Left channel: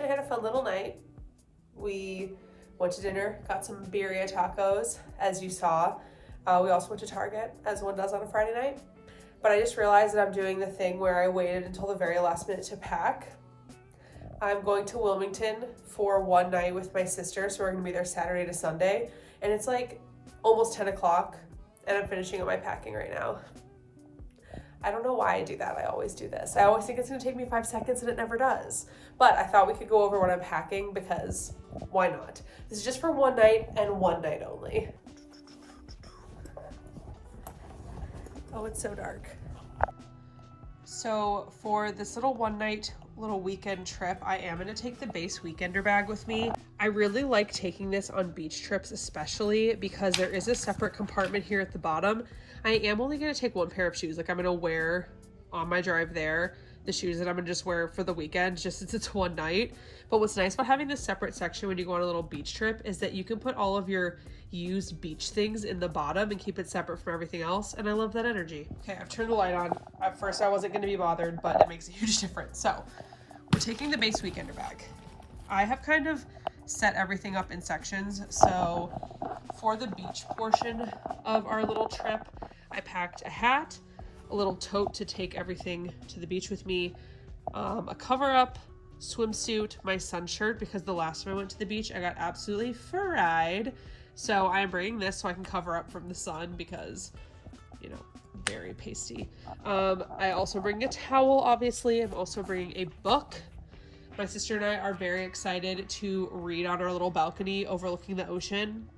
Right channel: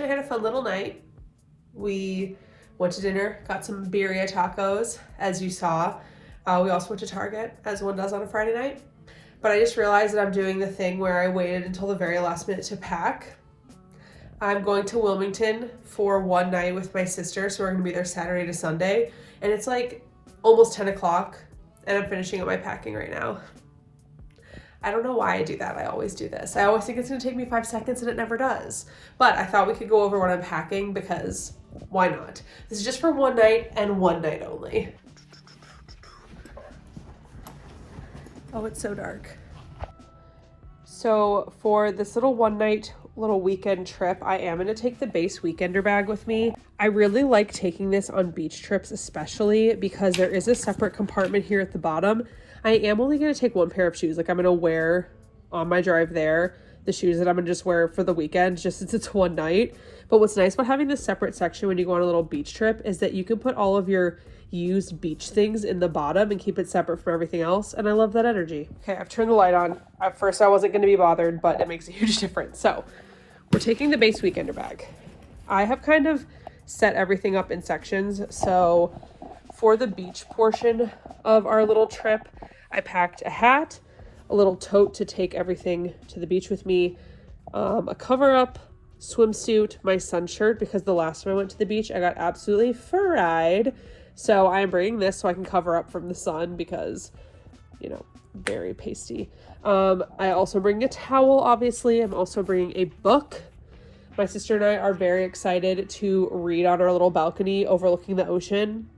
Josh and I had a fun little night. We went to dinner, got some birria tacos, as you saw. We also went to Target, as one does on a Friday night. But I just realized that I'm doing the thing where I waited until the very last minute to pack. I'm going to Wilmington for one night with my sister, so we're gonna be there Saturday to Sunday. And it's like almost 10 o'clock, and I'm finishing up my packing right now. I don't know why I do that. I always do this. I always think it's gonna take me 5 seconds, and it never does. But I thought we could go over what I'm packing because why not? This is just for one night and one night only. Oh, it's so dark. So for this little one night, little weekend trip, I am gonna take the BEIS Weekender bag with me. I really like taking this on beach trips, especially because there is a separate compartment here at the bottom. I am only gonna take one pair of shoes. Like I'm gonna wear on my drive there the shoes that I'm gonna just wear for the weekend, just since it's one night. But what's nice about having this separate section when you go on a little beach trip is that you can put all of your used beach things in the bottom and keep it separate from everything else, and I love that energy. Okay, I've turned the light on. At first I wasn't going to be bothered, but it makes a huge difference. So we're taking the BEIS Weekender bag. I have kind of set everything up in sections. So for the beach portion of our little trip, I packed a hat, a little tote to take everything to the beach with me, a cover-up, swimsuit, my sun shirt, because the last time I went to the beach I got absolutely fried. So I am bringing this so I can cover up from the sun because, you know, very pasty. I also bring a towel, obviously. I'm also bringing a book. My sister and I are very excited to read on our little balcony overlooking the ocean.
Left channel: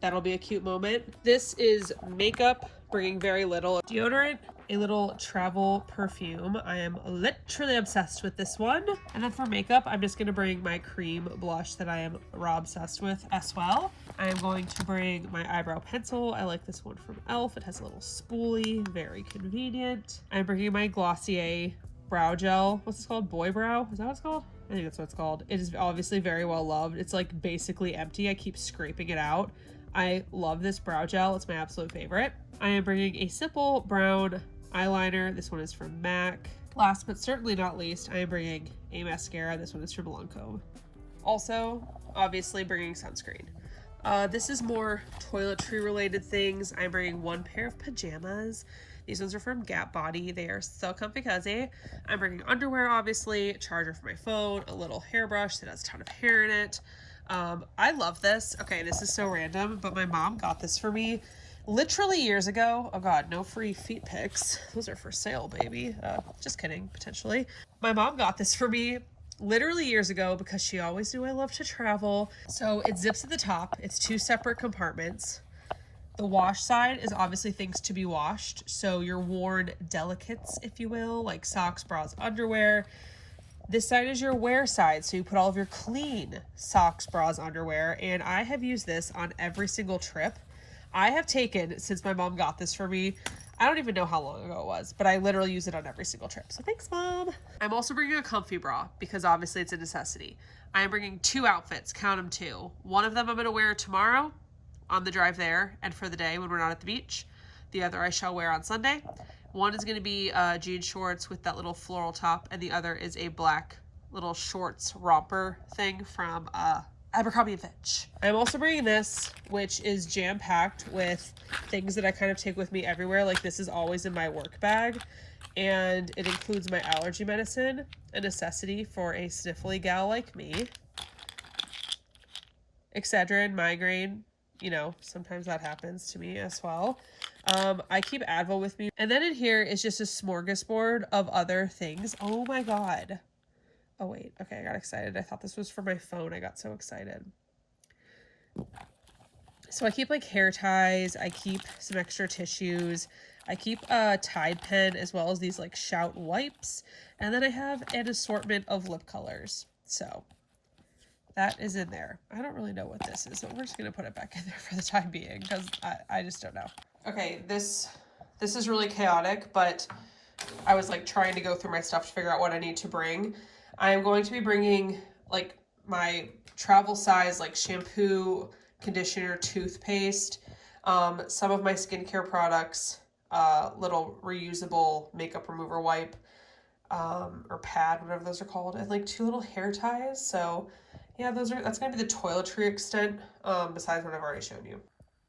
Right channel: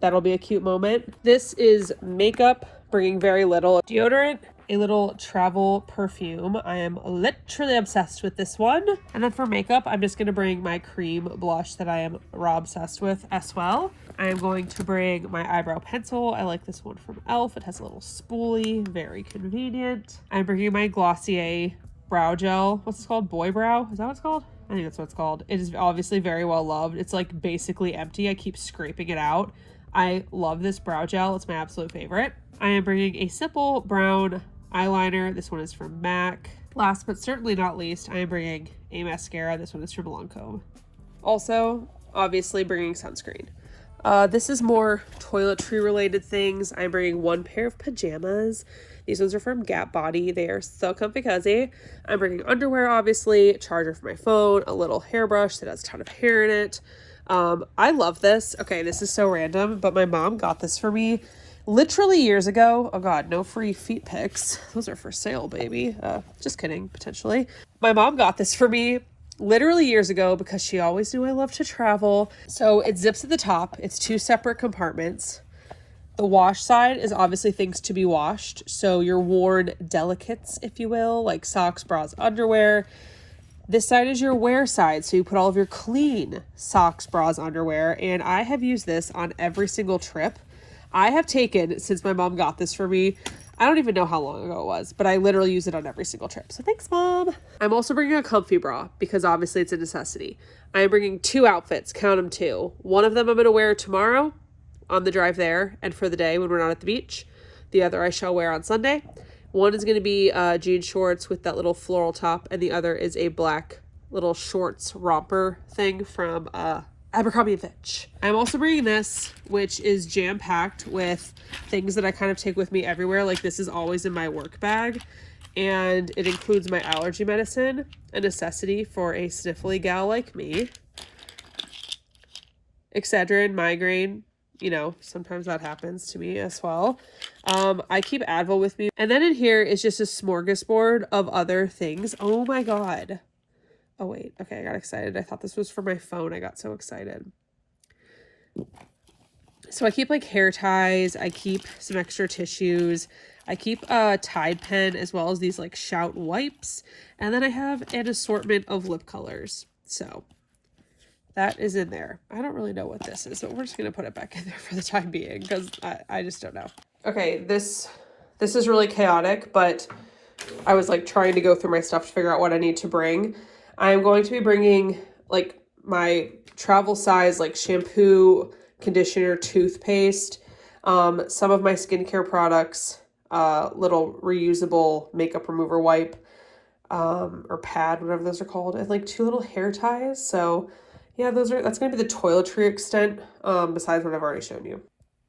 That'll be a cute moment. This is makeup, bringing very little. Deodorant, a little travel perfume. I am literally obsessed with this one. And then for makeup, I'm just gonna bring my cream blush that I am raw obsessed with as well. I am going to bring my eyebrow pencil. I like this one from e.l.f. It has a little spoolie, very convenient. I'm bringing my Glossier brow gel. What's this called? Boy Brow? Is that what it's called? I think that's what it's called. It is obviously very well loved. It's like basically empty. I keep scraping it out. I love this brow gel. It's my absolute favorite. I am bringing a simple brown eyeliner. This one is from MAC. Last but certainly not least, I am bringing a mascara. This one is from Lancome. Also, obviously bringing sunscreen. This is more toiletry related things. I'm bringing one pair of pajamas. These ones are from Gap Body. They are so comfy cozy. I'm bringing underwear, obviously, charger for my phone, a little hairbrush that has a ton of hair in it. I love this. Okay, this is so random, but my mom got this for me literally years ago. Oh god, no free feet pics. Those are for sale, baby. Just kidding, potentially. My mom got this for me literally years ago because she always knew I love to travel. So it zips at the top. It's two separate compartments. The wash side is obviously things to be washed. So your worn delicates, if you will, like socks, bras, underwear. This side is your wear side. So you put all of your clean socks, bras, underwear. And I have used this on every single trip I have taken since my mom got this for me. I don't even know how long ago it was, but I literally use it on every single trip. So thanks, Mom. I'm also bringing a comfy bra because obviously it's a necessity. I am bringing two outfits, count them two. One of them I'm going to wear tomorrow on the drive there and for the day when we're not at the beach. The other I shall wear on Sunday. One is going to be jean shorts with that little floral top, and the other is a black little shorts romper thing from Abercrombie & Fitch. I'm also bringing this, which is jam-packed with things that I kind of take with me everywhere. Like this is always in my work bag, and it includes my allergy medicine, a necessity for a sniffly gal like me. Excedrin, migraine, you know, sometimes that happens to me as well. I keep Advil with me. And then in here is just a smorgasbord of other things. Oh my god. Oh wait, okay, I got excited. I thought this was for my phone. I got so excited. So I keep like hair ties. I keep some extra tissues. I keep a Tide pen as well as these like Shout wipes. And then I have an assortment of lip colors. So that is in there. I don't really know what this is, but we're just going to put it back in there for the time being because I just don't know. Okay, this is really chaotic, but I was like trying to go through my stuff to figure out what I need to bring. I am going to be bringing like my travel size like shampoo, conditioner, toothpaste, some of my skincare products, little reusable makeup remover wipe, or pad, whatever those are called, and like 2 little hair ties. So yeah, that's gonna be the toiletry extent, besides what I've already shown you.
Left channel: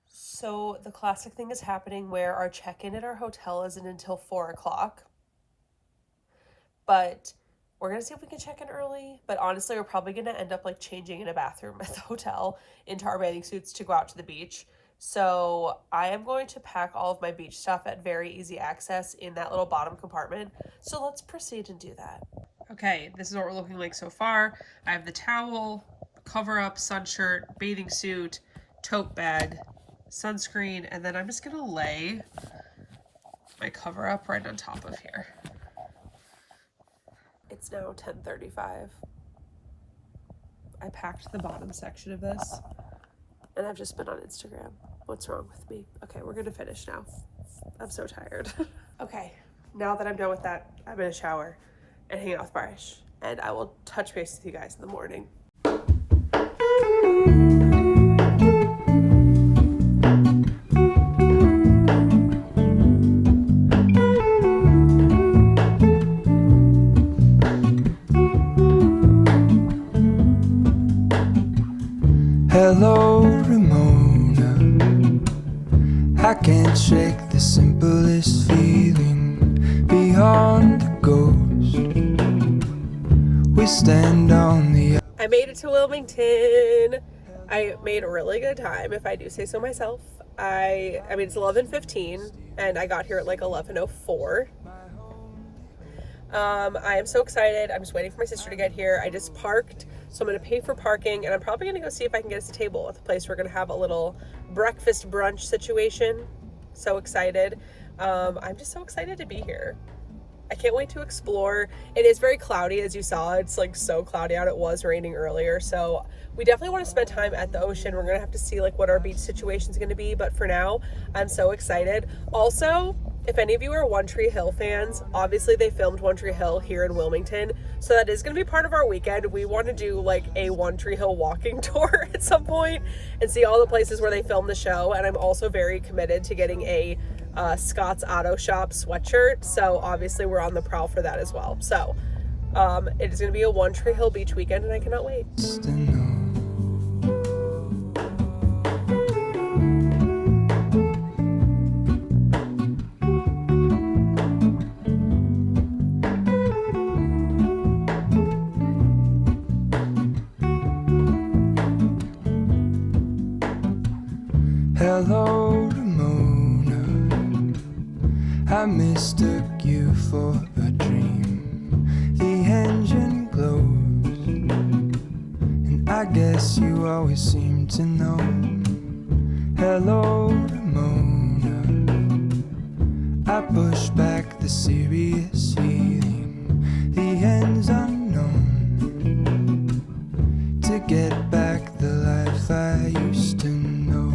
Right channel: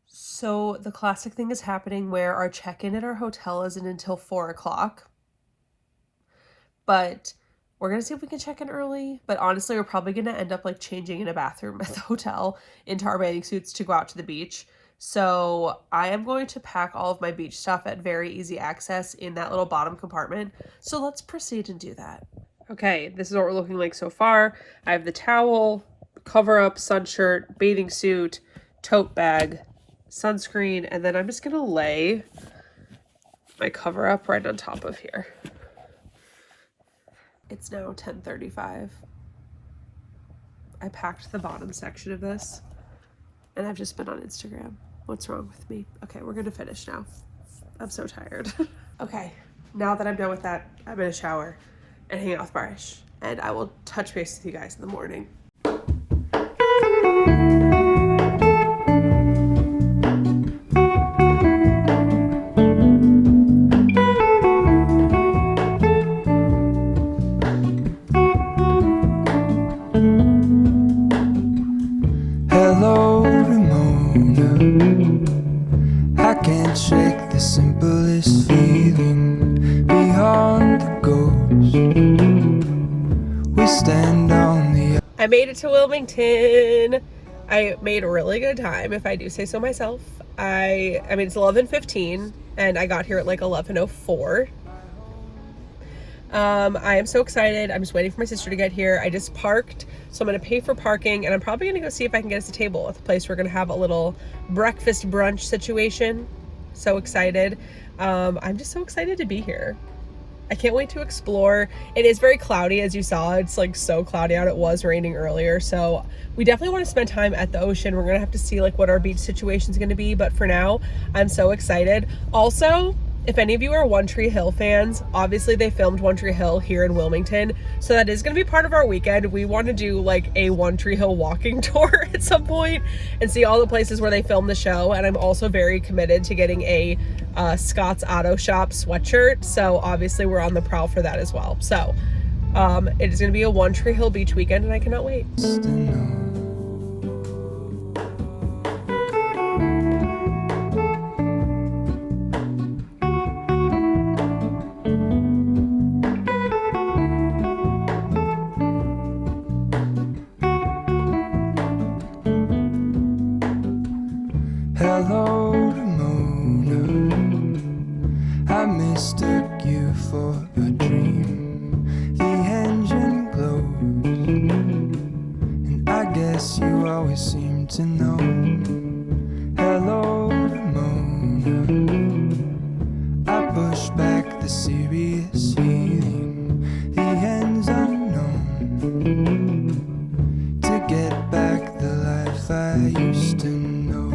So the classic thing is happening where our check-in at our hotel isn't until 4 o'clock. But we're gonna see if we can check in early. But honestly, we're probably gonna end up like changing in a bathroom at the hotel into our bathing suits to go out to the beach. So I am going to pack all of my beach stuff at very easy access in that little bottom compartment. So let's proceed and do that. Okay, this is what we're looking like so far. I have the towel, cover up, sun shirt, bathing suit, tote bag, sunscreen, and then I'm just gonna lay my cover up right on top of here. It's now 10:35. I packed the bottom section of this, and I've just been on Instagram. What's wrong with me? Okay, we're gonna finish now. I'm so tired. Okay, now that I'm done with that, I'm gonna shower and hang out with Barish, and I will touch base with you guys in the morning. Hello, Ramona. I can't shake the simplest feeling beyond the ghost. We stand on the... I made it to Wilmington. I made a really good time, if I do say so myself. I mean, it's 11:15, and I got here at like 11:04. I am so excited. I'm just waiting for my sister to get here. I just parked, so I'm going to pay for parking, and I'm probably going to go see if I can get us a table at the place. We're going to have a little breakfast brunch situation. So excited. I'm just so excited to be here. I can't wait to explore. It is very cloudy, as you saw. It's like so cloudy out. It was raining earlier, so we definitely want to spend time at the ocean. We're going to have to see like what our beach situation is going to be, but for now, I'm so excited. Also, if any of you are One Tree Hill fans, obviously they filmed One Tree Hill here in Wilmington, so that is going to be part of our weekend. We want to do like a One Tree Hill walking tour at some point and see all the places where they filmed the show, and I'm also very committed to getting a Scott's Auto Shop sweatshirt, so obviously we're on the prowl for that as well. So it is going to be a One Tree Hill beach weekend, and I cannot wait. Hello, Ramona. I mistook you for a dream. The engine glows, and I guess you always seem to know. Hello, Ramona. I push back the serious feeling. The end's unknown. To get back the life I used to know.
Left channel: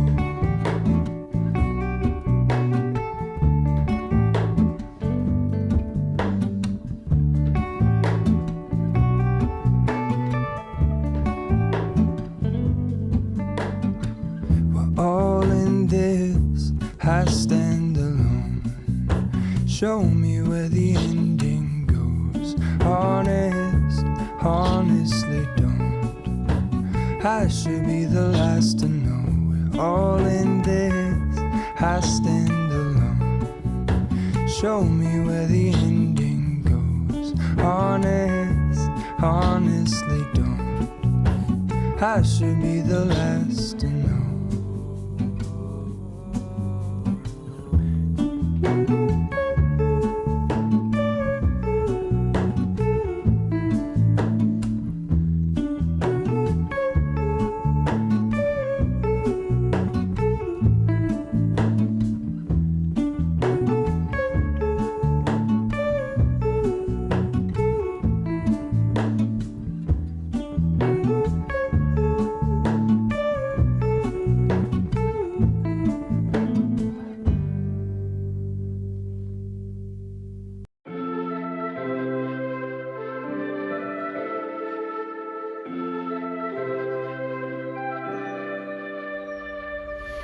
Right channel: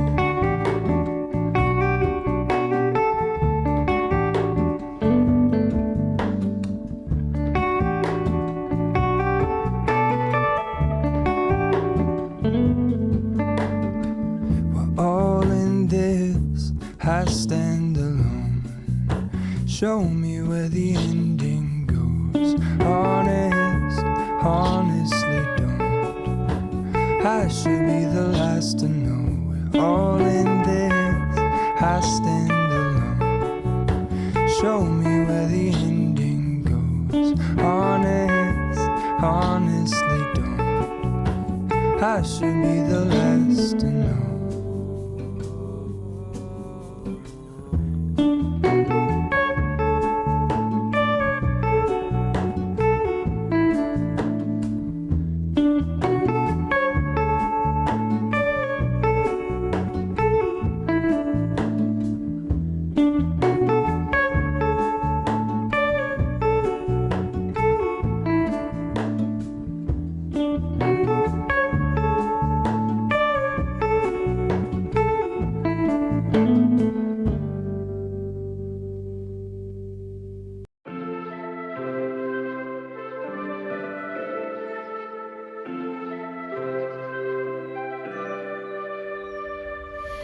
I stand alone. Show me where the ending goes. Honest, honestly don't. I should be the last to know. We're all in this. I stand alone. Show me where the ending goes. Honest, honestly don't. I should be the last to know.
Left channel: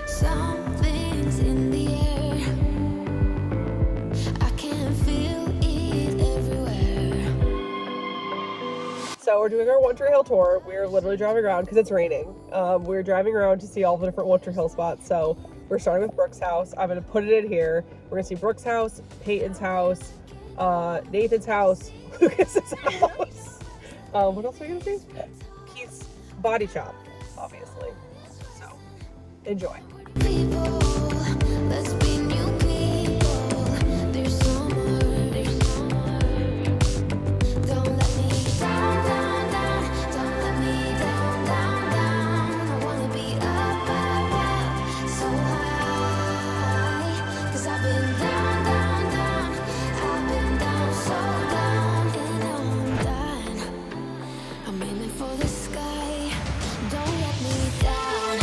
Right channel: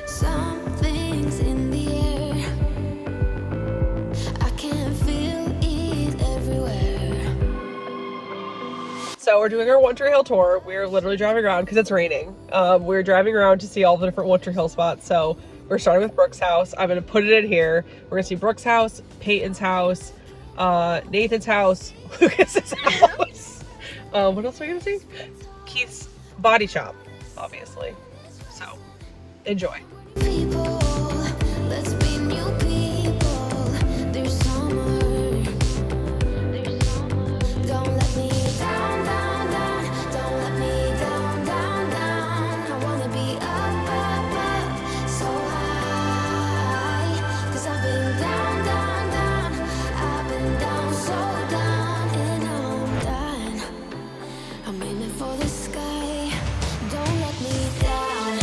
Something's in the air. I can feel it everywhere. we're doing our One Tree Hill tour. We're literally driving around because it's raining. We're driving around to see all the different One Tree Hill spots. So we're starting with Brooke's house. I'm going to put it in here. We're going to see Brooke's house, Peyton's house, Nathan's house, Lucas's house. What else are we going to see? Keith's body shop, obviously. So enjoy. People, let's be new people. There's summer. Don't let me down, down, down. Don't let me down, down, down. I wanna be up, up, up, so high. 'Cause I've been down, down, down. I've been down, so down. And now I'm done. I'm aiming for the sky. Don't let me down.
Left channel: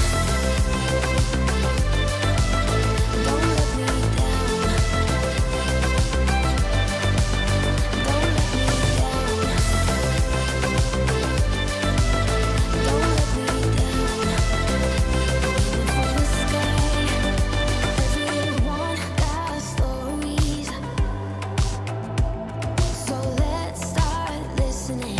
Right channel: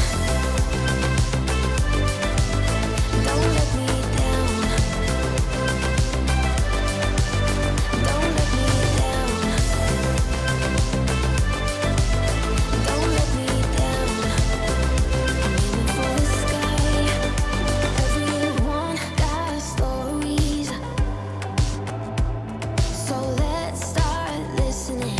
Don't let me down. Don't let me down. Don't let me down. I'm aiming for the sky. Everyone got stories, so let's start listening.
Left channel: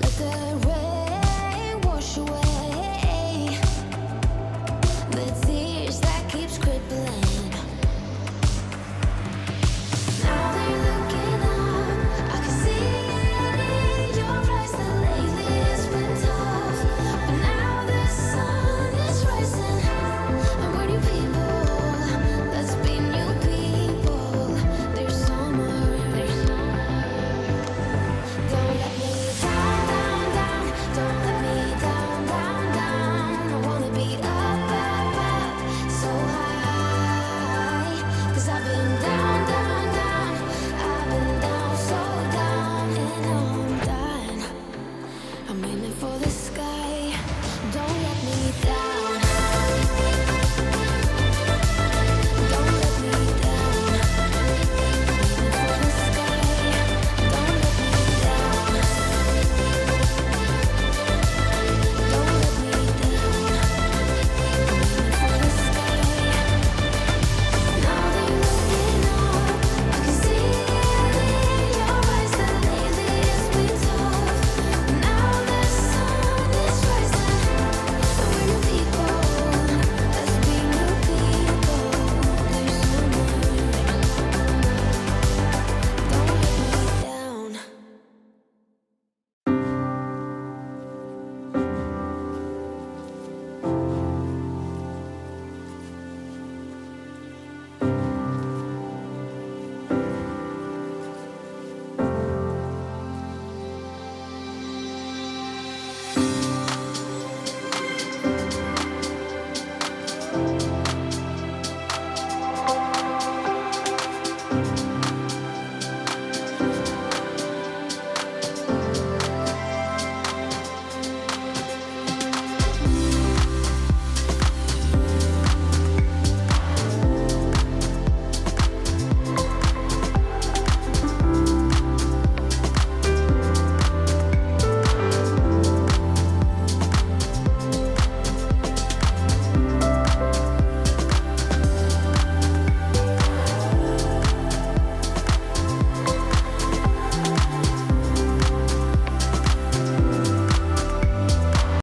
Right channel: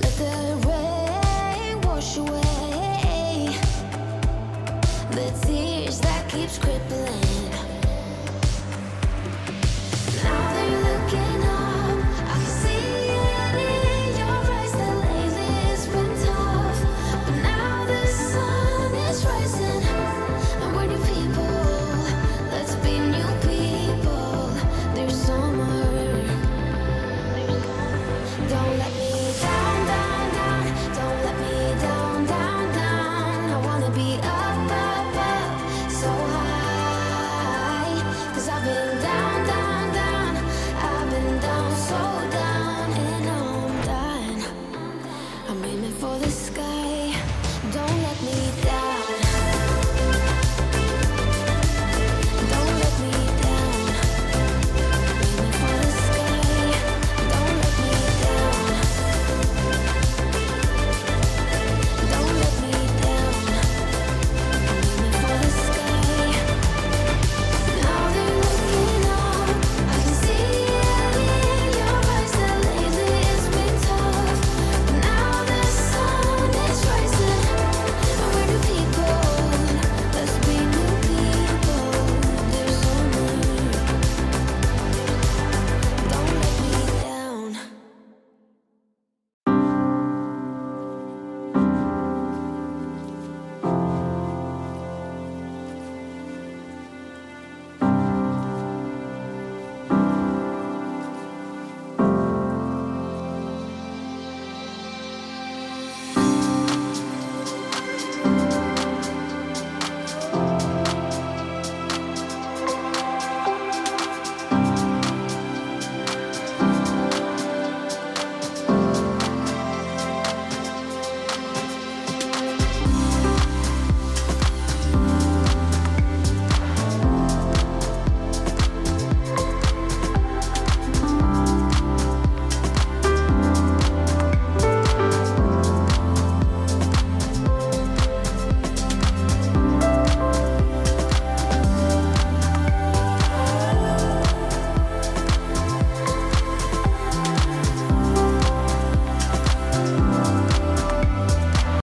Let the rain wash away the tears that keeps crippling. Now that you're looking up, I can see it in your eyes that lately it's been tough. But now the sun is rising, and we're new people. Let's be new people. There's summer. Don't let me down, down, down. Don't let me down, down, down. I wanna be up, up, up, so high. 'Cause I've been down, down, down. I've been down, so down. And now I'm done. I'm aiming for the sky.